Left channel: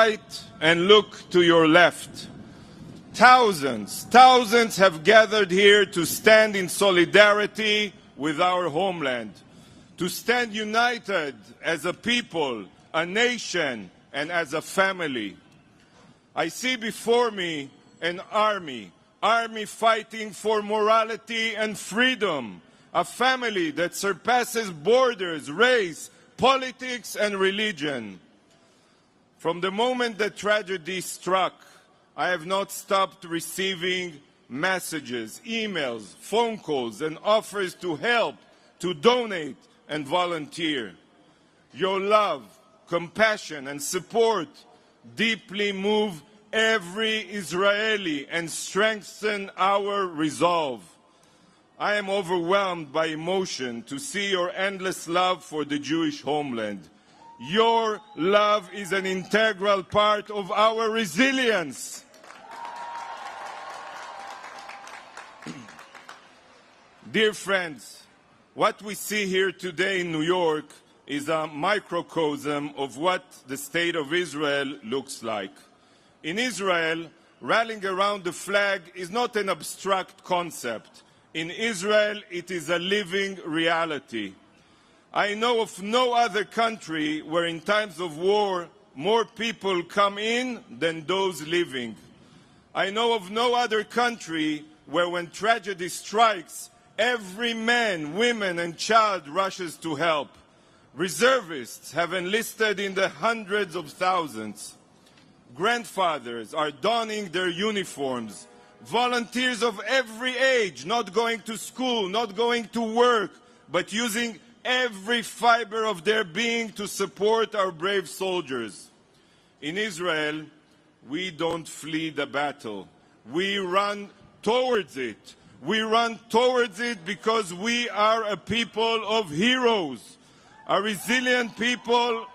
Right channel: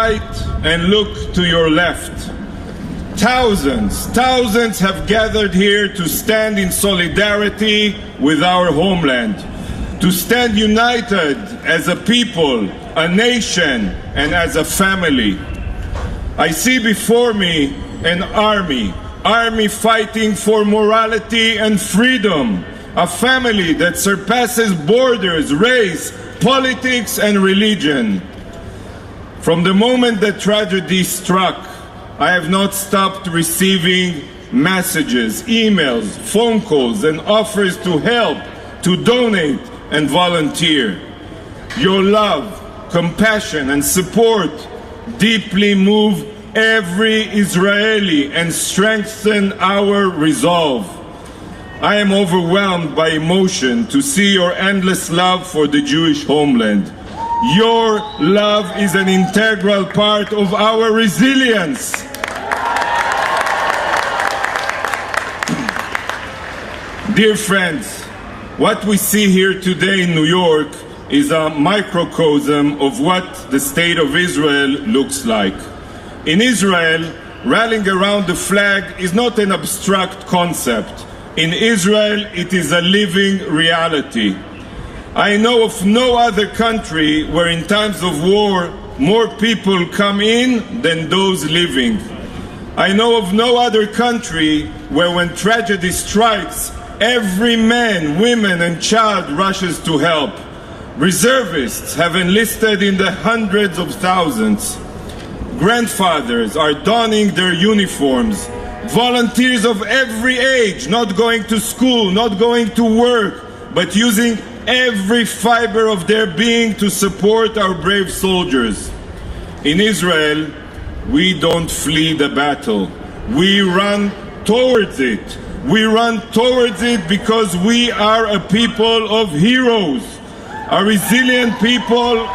right and look to your left. Thousands have gathered here to stand in solidarity with our homeland, to stand united as a people, a nation, and as a family. I see before me an army fighting for morality and freedom, a family that surpasses borders, race, politics, and religion. From the moment that tragedy struck, I have not stopped receiving messages, emails, phone calls, and offers to help, to donate, and volunteer. Your love, compassion, and support deeply move every Israeli and strengthen our resolve. I am overwhelmed by emotion to see your endless love for the Jewish homeland. Your love is an integral part of our resilience. Dear friends, what we see here today in New York is a microcosm of what the state of Israel looks like. In Israel, rallying around the flag is not an abstract concept. In Israel, it is a living reality. I know of no other country where in times of war, more people come in than those living. I know of no other country where when tragedy strikes, every man, woman, and child rushes to help. Reservists have enlisted in the hundreds of thousands. Grandfathers are donning their uniforms. Volunteers of every age, not going to school, not going to work, but using every fiber of their being to support our brave soldiers. In Israel, we don't flee the battle. We run towards it. We run towards it because we are a people of heroes, a resilient people,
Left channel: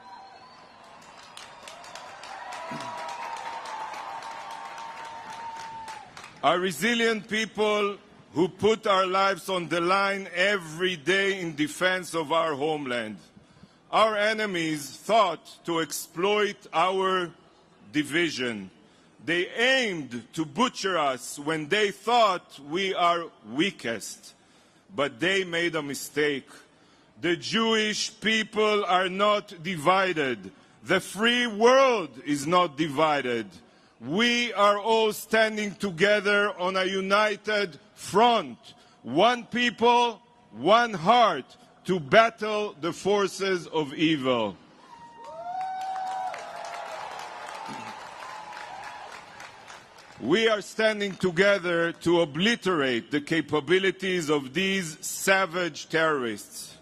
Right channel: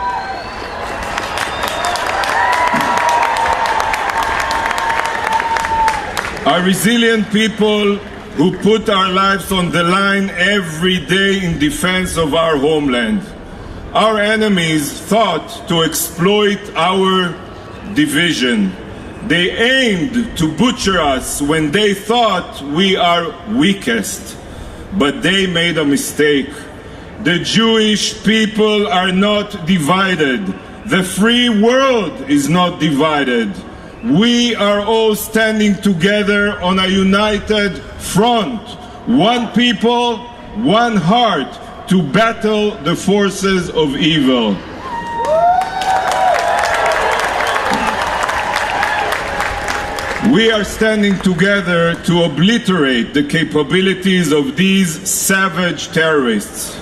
who put our lives on the line every day in defense of our homeland. Our enemies thought to exploit our division. They aimed to butcher us when they thought we are weakest. But they made a mistake. The Jewish people are not divided. The free world is not divided. We are all standing together on a united front. One people, one heart, to battle the forces of evil. We are standing together to obliterate the capabilities of these savage terrorists.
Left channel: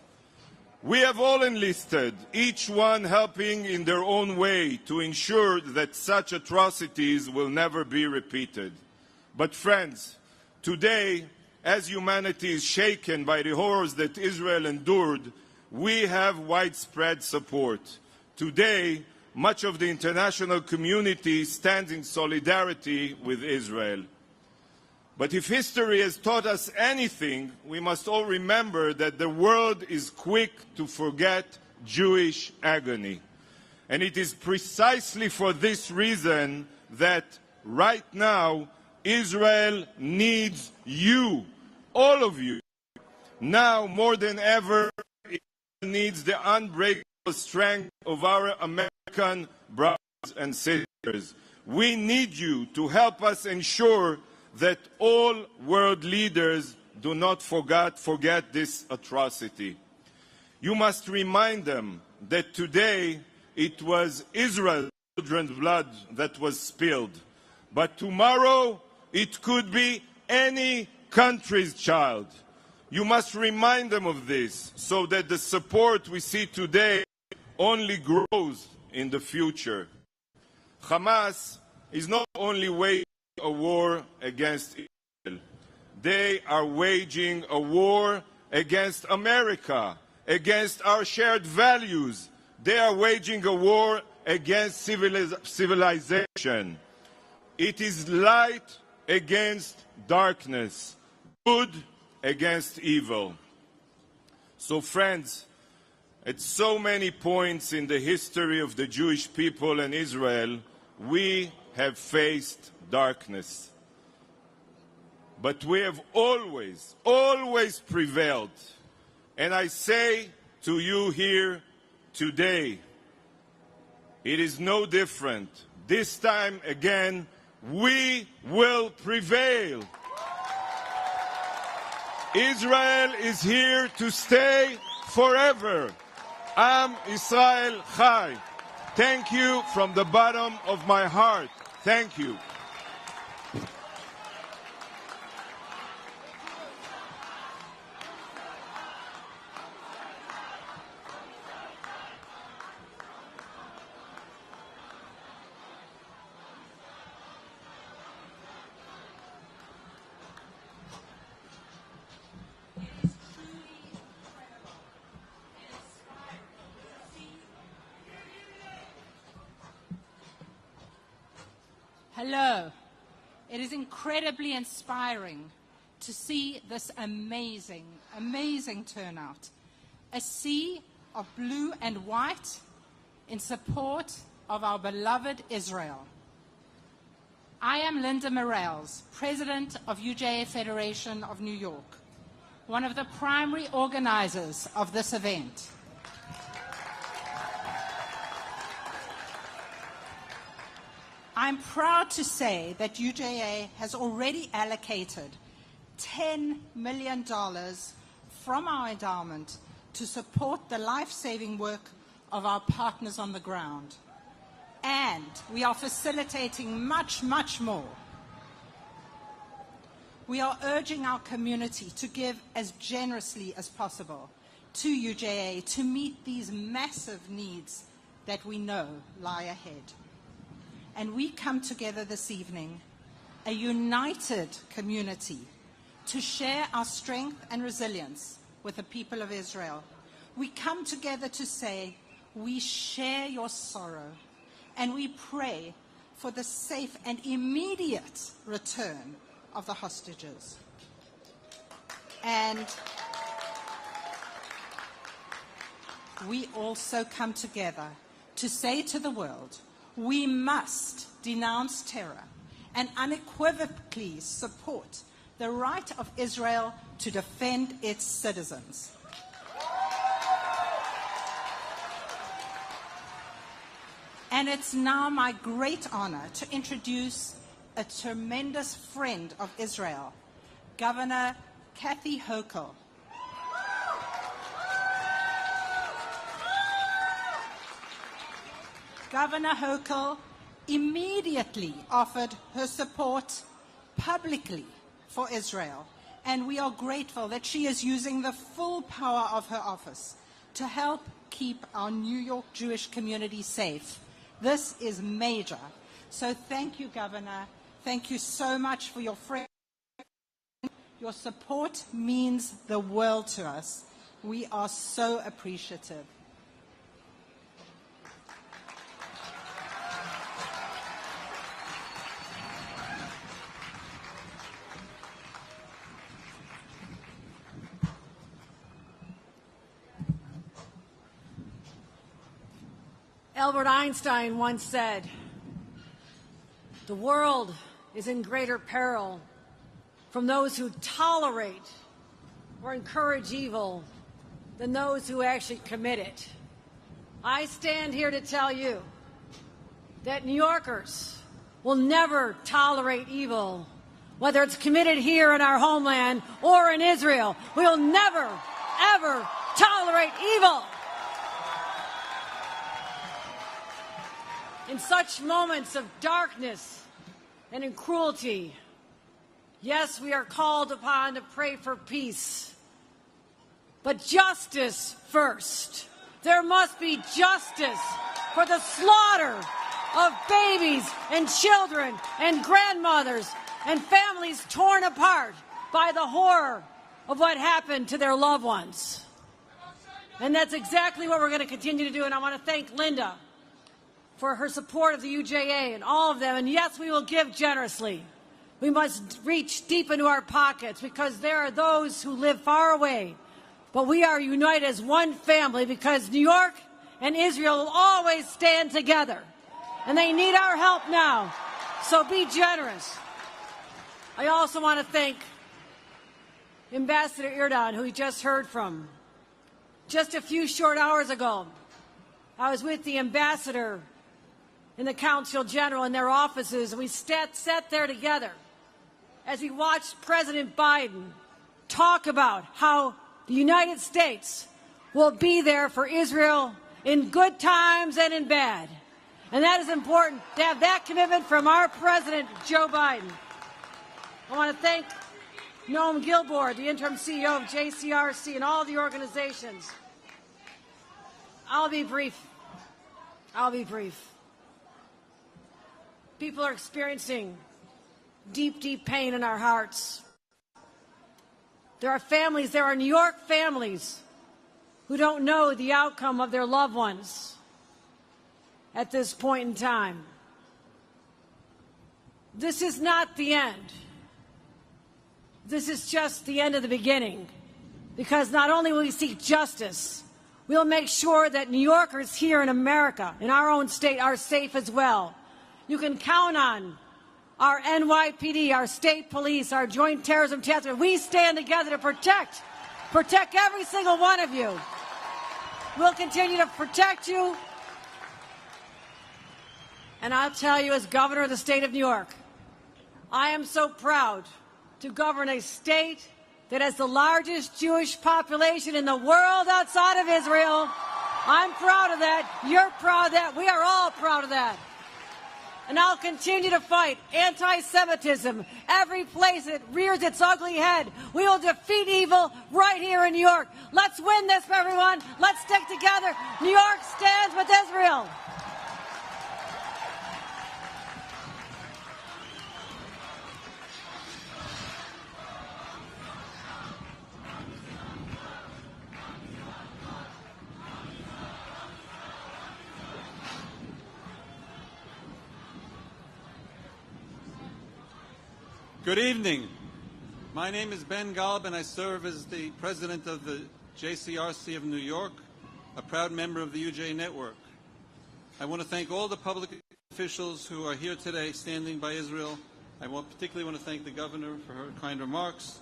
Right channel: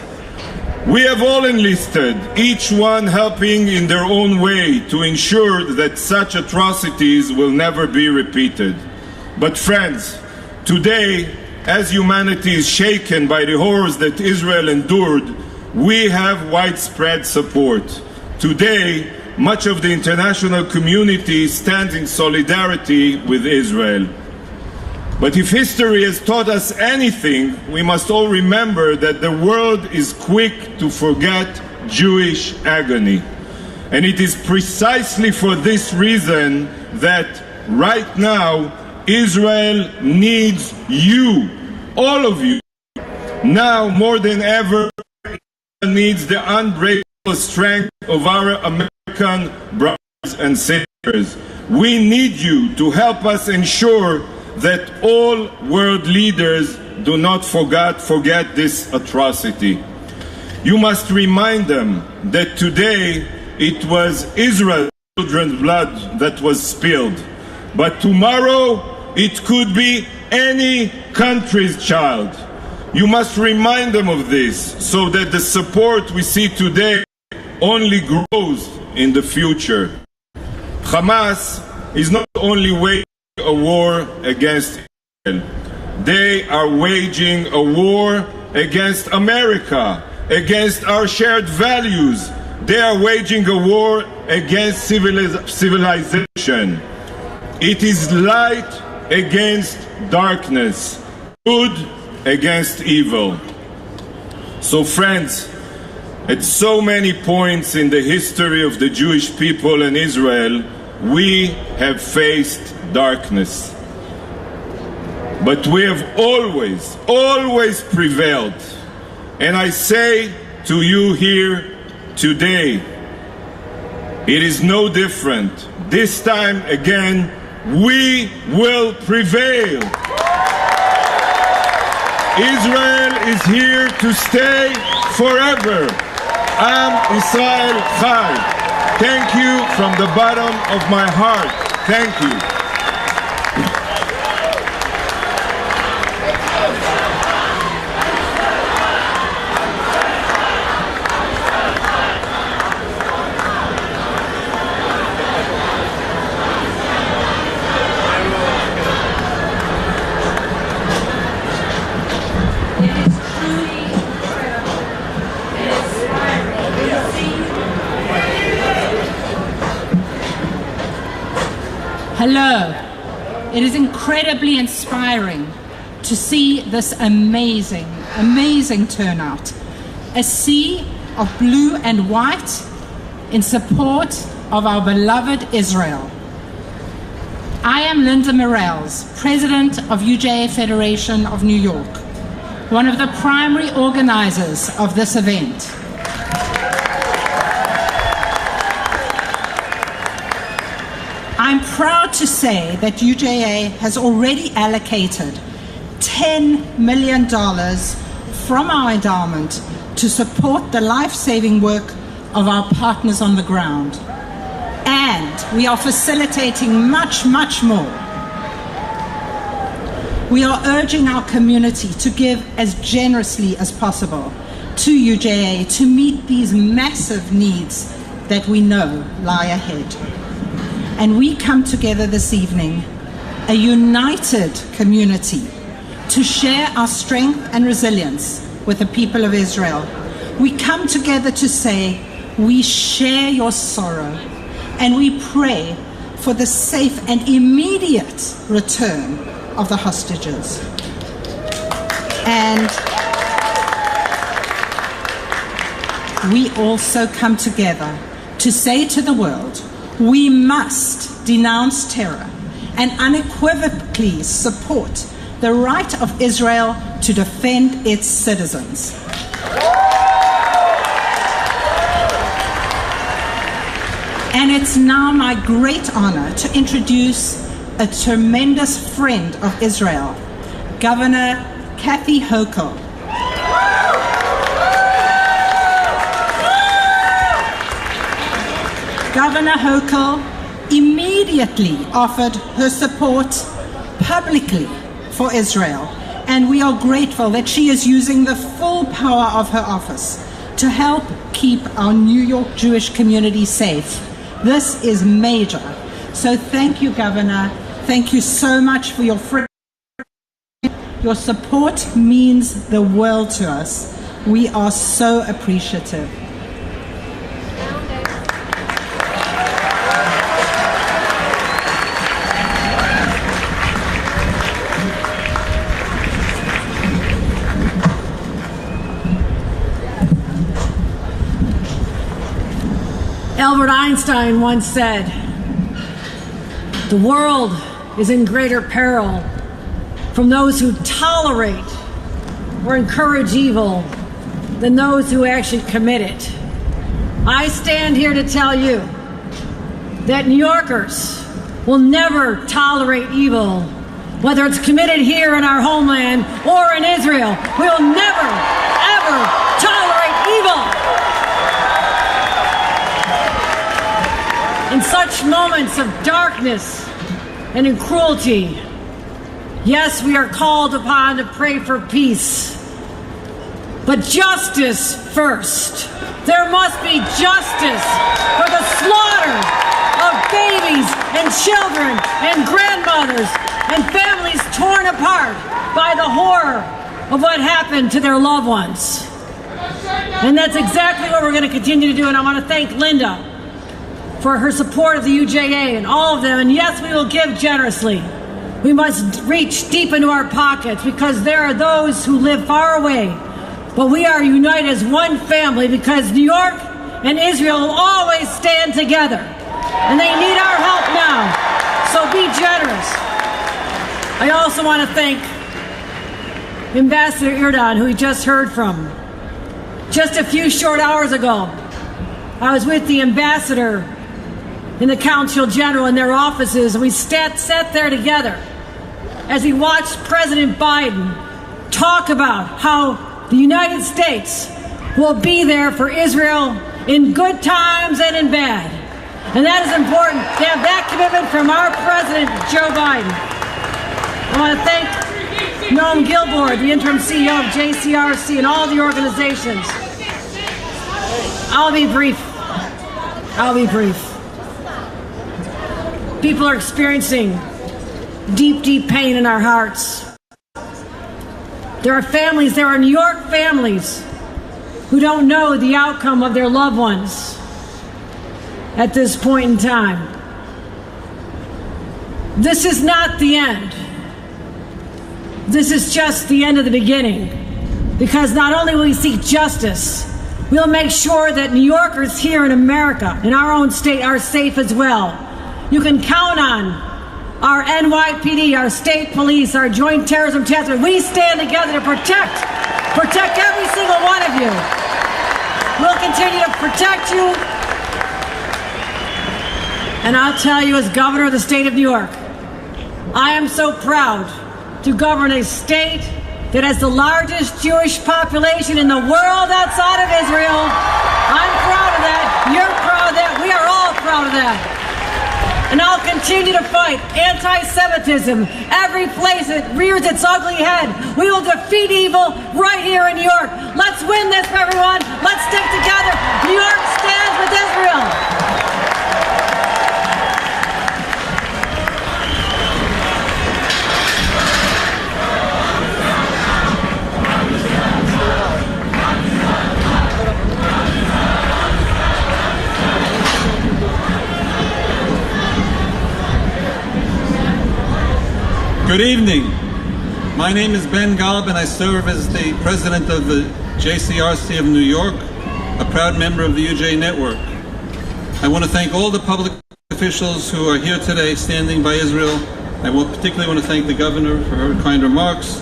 We have all enlisted, each one helping in their own way to ensure that such atrocities will never be repeated. But friends, today, as humanity is shaken by the horrors that Israel endured, we have widespread support. Today, much of the international community stands in solidarity with Israel. But if history has taught us anything, we must all remember that the world is quick to forget Jewish agony. And it is precisely for this reason that right now Israel needs you, all of you. Now more than ever, Israel needs the unbreakable strength of our American brothers and sisters. We need you to help us ensure that all world leaders do not forget this atrocity. You must remind them that today it was Israel's children's blood that was spilled, but tomorrow it could be any country's child. You must remind them of this so that the support we see today only grows in the future. Hamas is not only waging a war against Israel. They are waging a war against America, against our shared values. They are waging a war against civilization. It is light against darkness, good against evil. So friends, At so many points in the history of the Jewish people and Israel, we have faced darkness. But we have always prevailed. And I say to you here today, it is no different. This time again, we will prevail. Israel is here to stay forever. Am Israel Chai. Thank you from the bottom of my heart. Thank you. Hello. It is incredibly inspiring to see this amazing, amazing turnout. A sea of blue and white in support of our beloved Israel. I am Linda Morel, President of UJA Federation of New York, one of the primary organizers of this event. I'm proud to say that UJA has already allocated $10 million from our endowment to support the life-saving work of our partners on the ground. And we are facilitating much, much more. We are urging our community to give as generously as possible to UJA to meet these massive needs that we know lie ahead. And we come together this evening, a united community, to share our strength and resilience with the people of Israel. We come together to say, we share your sorrow, and we pray for the safe and immediate return of the hostages. And we also come together to say to the world, we must denounce terror and unequivocally support the right of Israel to defend its citizens. And it's now my great honor to introduce a tremendous friend of Israel, Governor Kathy Hochul. Governor Hochul immediately offered her support publicly for Israel, and we are grateful that she is using the full power of her office to help keep our New York Jewish community safe. This is major. So thank you, Governor. Thank you so much for your friendship. Your support means the world to us. We are so appreciative. Albert Einstein once said, "The world is in greater peril from those who tolerate or encourage evil than those who actually commit it." I stand here to tell you that New Yorkers will never tolerate evil, whether it's committed here in our homeland or in Israel. We'll never, ever tolerate evil. In such moments of darkness and in cruelty, yes, we are called upon to pray for peace, but justice first. There must be justice for the slaughter of babies and children and grandmothers and families torn apart by the horror of what happened to their loved ones. And that's exactly what we're going to continue to do. And I want to thank Linda for her support of the UJA and all of them. And yes, we will give generously. We must reach deep into our pockets because there are those who live far away but we are united as one family because New York and Israel will always stand together. And they need our help now, so be generous. I also want to thank Ambassador Erdogan, who we just heard from. Just a few short hours ago, I was with the ambassador in the Consul General in their offices, and we sat there together as we watched President Biden talk about how the United States will be there for Israel in good times and in bad. And that is important to have that commitment from our President, Joe Biden. I want to thank Noam Gilboard, the interim CEO of JCRC, and all the organizations. I'll be brief. People are experiencing deep, deep pain in our hearts. There are New York families who don't know the outcome of their loved ones at this point in time. This is not the end. This is just the end of the beginning. Because not only will we seek justice, we'll make sure that New Yorkers here in America, in our own state, are safe as well. You can count on our NYPD, our state police, our joint terrorism task force. We stand together to protect every single one of you. We'll continue to protect you. And I'll tell you, as governor of the state of New York, I am so proud to govern a state that has the largest Jewish population in the world outside of Israel. I'm proud of that. You're proud of that. We are all proud of that. And I'll continue to fight anti-Semitism every place it rears its ugly head. We will defeat evil right here in New York. Let's win this, everyone. Let's stick together. New York stands with Israel. Good evening. My name is Ben Gallab, and I serve as the president of the JCRC of New York, a proud member of the UJ network. I want to thank all the public officials who are here today standing by Israel. I particularly want to thank the governor for her kind remarks.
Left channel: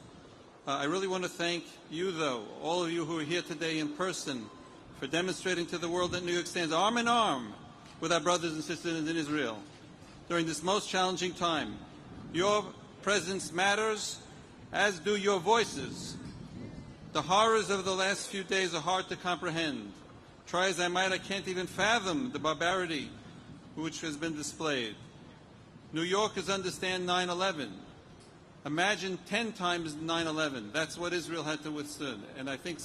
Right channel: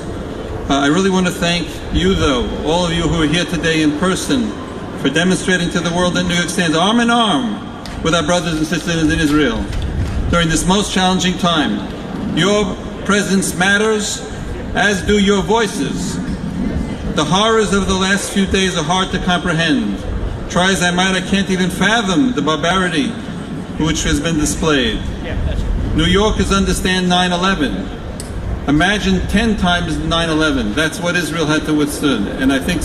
I really want to thank you, though, all of you who are here today in person, for demonstrating to the world that New York stands arm in arm with our brothers and sisters in Israel during this most challenging time. Your presence matters, as do your voices. The horrors of the last few days are hard to comprehend. Try as I might, I can't even fathom the barbarity which has been displayed. New Yorkers understand 9/11. Imagine 10 times 9/11. That's what Israel had to withstand. And I think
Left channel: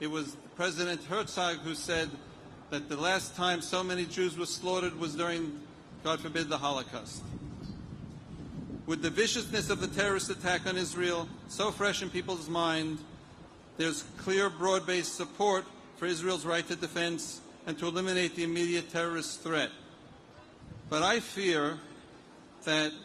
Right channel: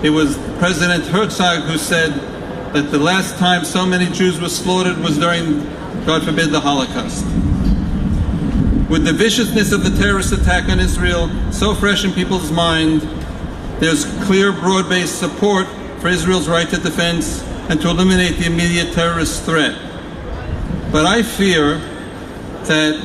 it was President Herzog who said that the last time so many Jews were slaughtered was during, God forbid, the Holocaust. With the viciousness of the terrorist attack on Israel so fresh in people's mind, there's clear, broad-based support for Israel's right to defense and to eliminate the immediate terrorist threat. But I fear that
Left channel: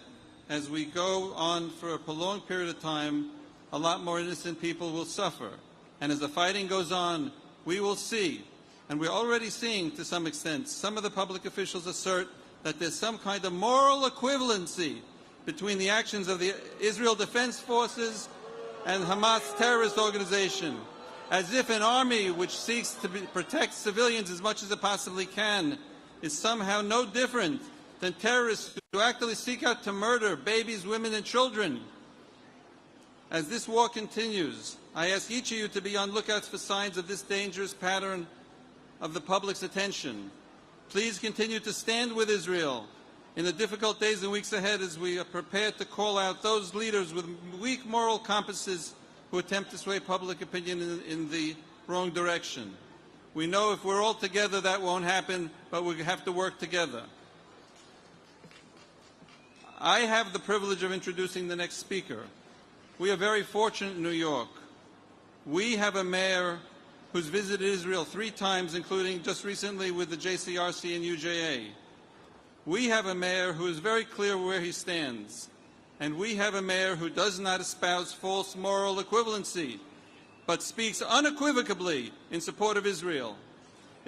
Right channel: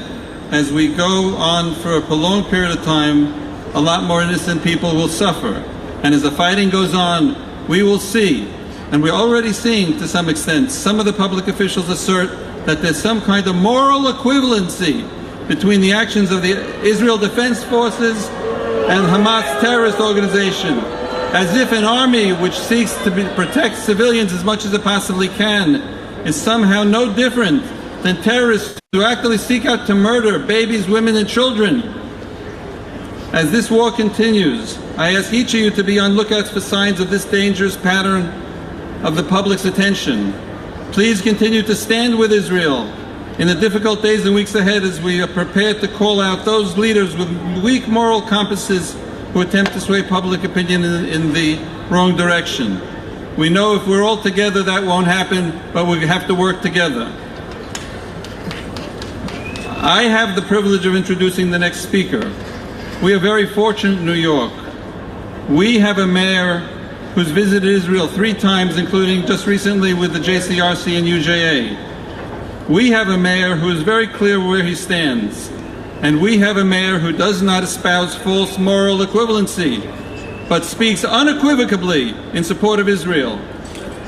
as we go on for a prolonged period of time, a lot more innocent people will suffer. And as the fighting goes on, we will see, and we're already seeing to some extent, some of the public officials assert that there's some kind of moral equivalency between the actions of the Israel Defense Forces and Hamas terrorist organization, as if an army which seeks to protect civilians as much as it possibly can is somehow no different than terrorists who actively seek out to murder babies, women, and children. As this war continues, I ask each of you to be on lookouts for signs of this dangerous pattern of the public's attention. Please continue to stand with Israel in the difficult days and weeks ahead as we are prepared to call out those leaders with weak moral compasses who attempt to sway public opinion in the wrong direction. We know if we're all together that won't happen, but we have to work together. I have the privilege of introducing the next speaker. We are very fortunate in New York. We have a mayor who's visited Israel 3 times, including just recently with the JCRC and UJA. We have a mayor who is very clear where he stands. And we have a mayor who does not espouse false moral equivalency. but speaks unequivocally in support of Israel.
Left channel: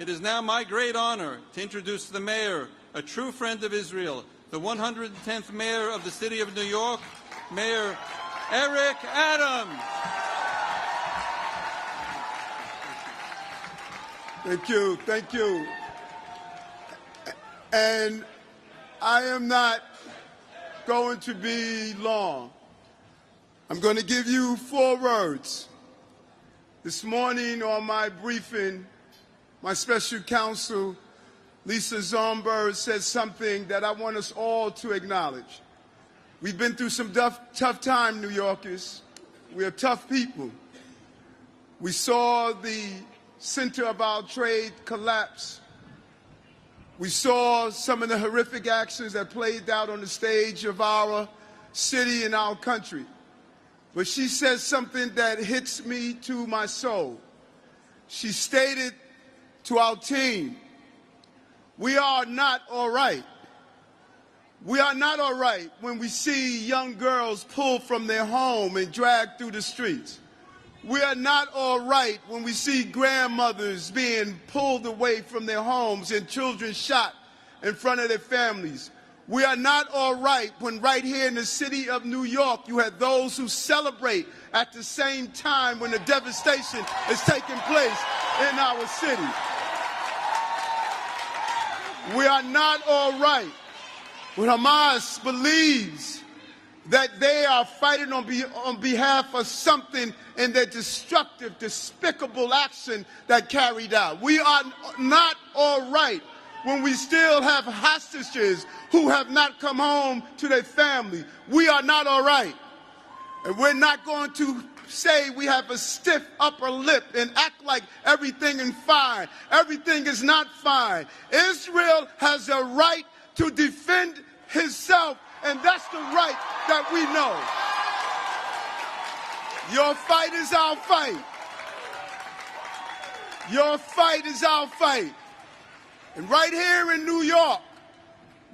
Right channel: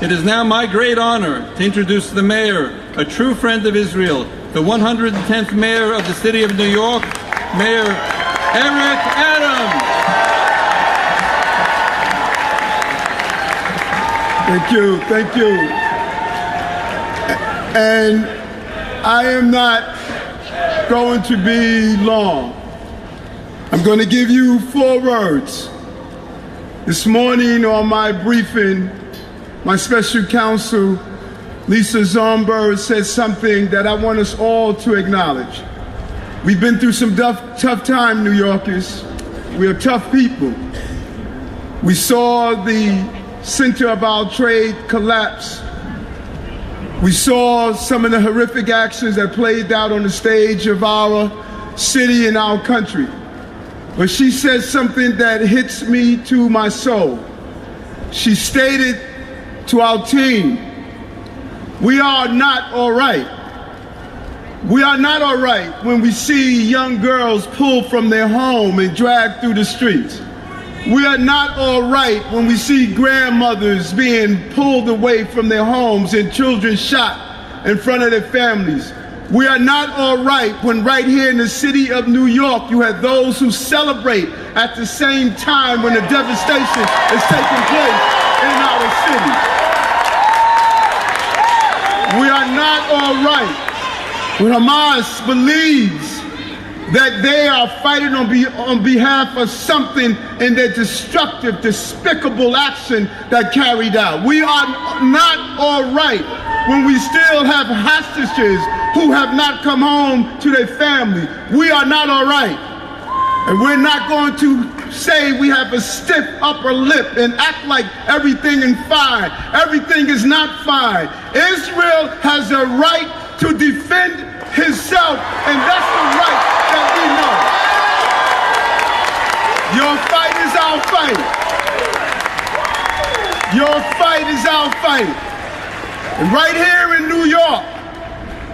It is now my great honor to introduce the mayor, a true friend of Israel, the 110th mayor of the city of New York, Mayor Eric Adams. Thank you. And I am not going to be long. I'm going to give you 4 words. This morning on my briefing, my special counsel, Lisa Zomberg, said something that I want us all to acknowledge. We've been through some tough time, New Yorkers. We are tough people. We saw the center of our trade collapse. We saw some of the horrific actions that played out on the stage of our city and our country. But she said something that hits me to my soul. She stated to our team, we are not all right. We are not all right when we see young girls pulled from their home and dragged through the streets. We are not all right when we see grandmothers being pulled away from their homes and children shot in front of their families. We are not all right when right here in the city of New York you have those who celebrate at the same time when the devastation is taking place in our city. We are not all right when Hamas believes that they are fighting on behalf of something in their destructive, despicable action that carried out. We are not all right when we still have hostages who have not come home to their family. We are not all right. And we're not going to say we have a stiff upper lip and act like everything is fine. Everything is not fine. Israel has a right to defend himself, and that's the right that we know. Your fight is our fight. Your fight is our fight. And right here in New York,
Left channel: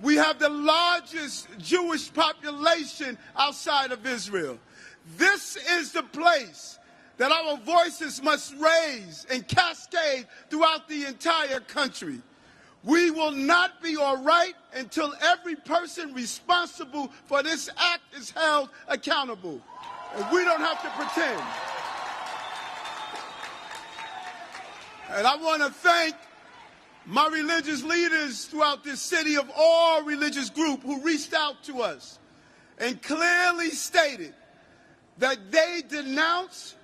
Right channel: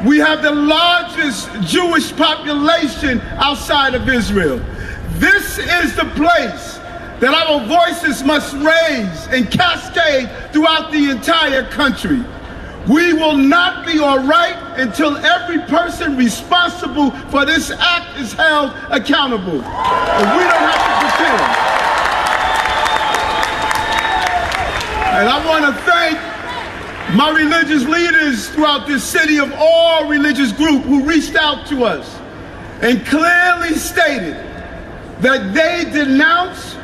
we have the largest Jewish population outside of Israel. This is the place that our voices must raise and cascade throughout the entire country. We will not be all right until every person responsible for this act is held accountable. And we don't have to pretend. And I want to thank my religious leaders throughout this city of all religious groups who reached out to us and clearly stated that they denounce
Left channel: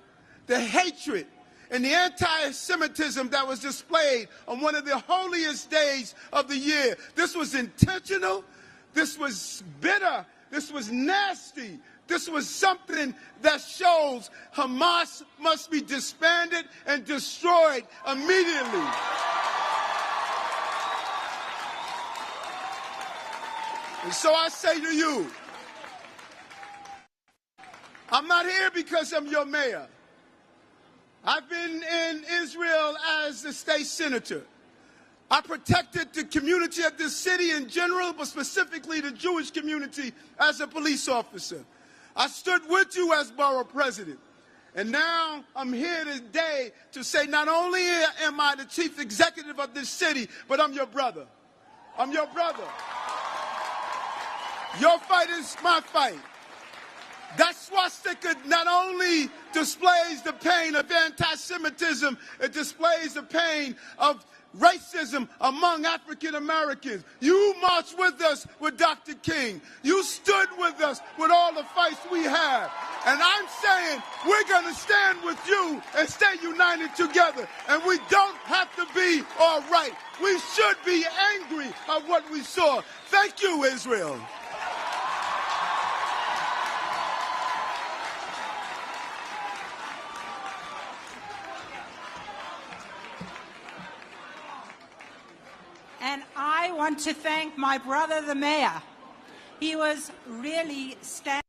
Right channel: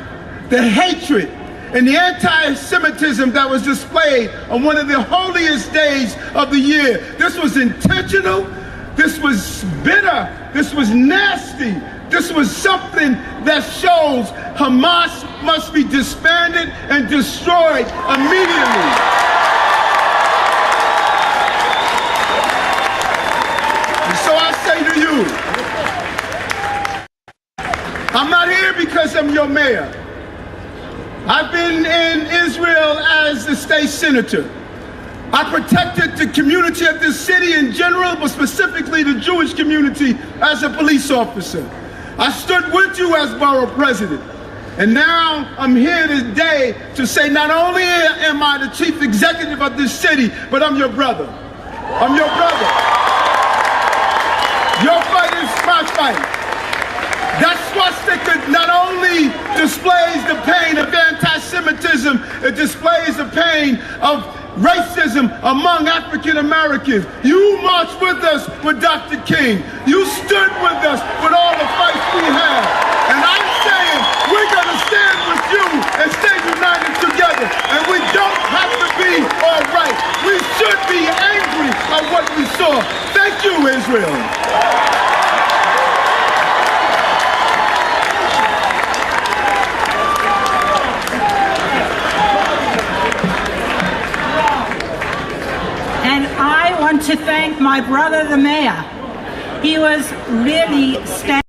the hatred and the anti-Semitism that was displayed on one of the holiest days of the year. This was intentional, this was bitter, this was nasty, this was something that shows Hamas must be disbanded and destroyed immediately. And so I say to you, I'm not here because I'm your mayor. I've been in Israel as the state senator. I protected the community of this city in general, but specifically the Jewish community as a police officer. I stood with you as borough president. And now I'm here today to say not only am I the chief executive of this city, but I'm your brother. I'm your brother. Your fight is my fight. That swastika not only displays the pain of anti-Semitism, it displays the pain of racism among African Americans. You marched with us with Dr. King. You stood with us with all the fights we had. And I'm saying we're going to stand with you and stay united together. And we don't have to be all right. We should be angry at what we saw. Thank you, Israel. To thank my brother, the mayor. He was really standing